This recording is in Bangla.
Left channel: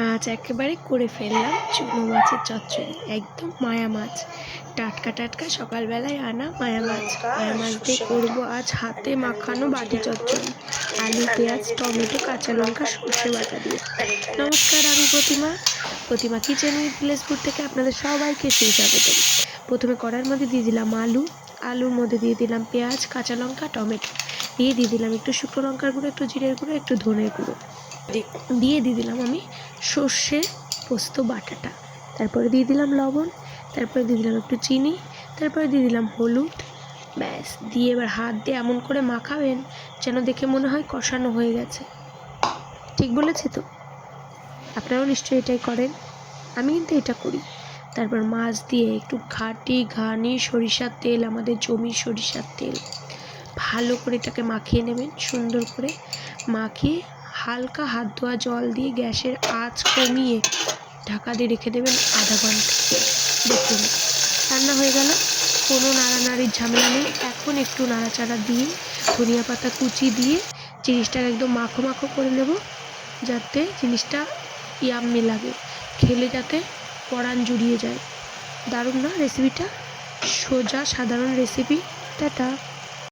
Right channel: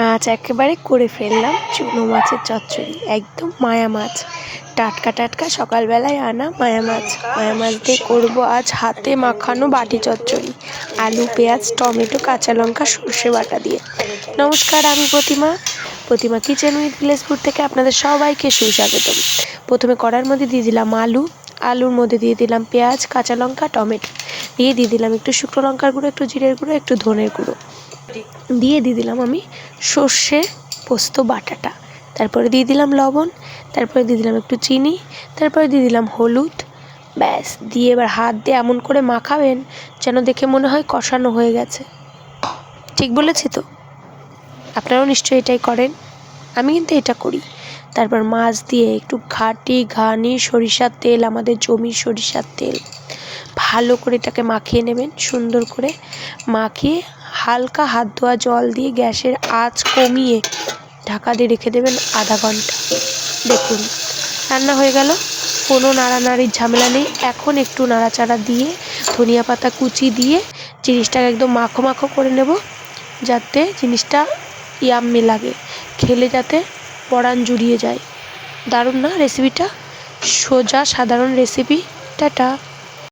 আজ একেবারে করে ফেললাম চুনো মাছের চচ্চড়ি, একদম মায়া মাছ, টাটকা টাটকা সকালবেলায় আনা মায়া মাছ। মায়া মাছ দিয়ে করবো আজ হাতে মাখানো বাটি চচ্চড়ি, আলু পেঁয়াজ টমেটো কাঁচা লঙ্কা সর্ষে বাটা দিয়ে। নমস্কার, আমি প্রতিমা কিচেন উইথ ভিলেজ ফুড থেকে আপনাদের সবাইকে সুস্বাগতম। প্রথমে কড়ার মধ্যে দিয়ে দিলাম আলুর মধ্যে দিয়ে দিলাম পেঁয়াজ কাঁচা লঙ্কা টমেটো, দিয়ে দিলাম একটু শুকনো লঙ্কার গুঁড়ো, একটু জিরের গুঁড়ো, একটু ধনের গুঁড়ো, দিয়ে দিলাম আমি সর্ষে পোস্ত বাটাটা, তারপরে দিয়ে দিলাম লবণ, তারপরে দিয়ে দিলাম একটু চিনি, তারপরে দিয়ে দিলাম হলুদ। ব্যাস, দিয়ে এবার হাত দিয়ে এমন করে মাখাবেন যেন দেখে মনে হয় কষানো হয়ে গেছে। ঠিক বলেছি তো? আপনারাও নিশ্চয়ই এটাই করেন, আমি কিন্তু এটা করি। তারপর মাছ দিয়ে একটু ঘানি সরিষার তেল, আমাদের জমির সরিষার তেল, ভালো করে এটাকে মাখিয়ে নেবেন। সুন্দর করে মাখিয়ে হালকা হাত ধোয়া জল দিয়ে গ্যাসের আঁচ কমিয়ে ঢাকা দিয়ে রেখে দেবেন আধা ঘন্টা। দেখুন রান্না হয়ে গেল, কোনো নাড়ানাড়ির ঝামেলা নেই। এখন একটু নাড়াচাড়া দিয়ে ধনিয়া পাতা কুচি দিয়ে জিনিসটাকে একদম মাখো মাখো করে নেব, যাতে জিনিসটা ইয়াম্মি লাগে, খেলে যাতে পরাণ জুড়িয়ে যায়। দারুণ না রেসিপিটা? সোজা সাধারণ রেসিপি। টাটা।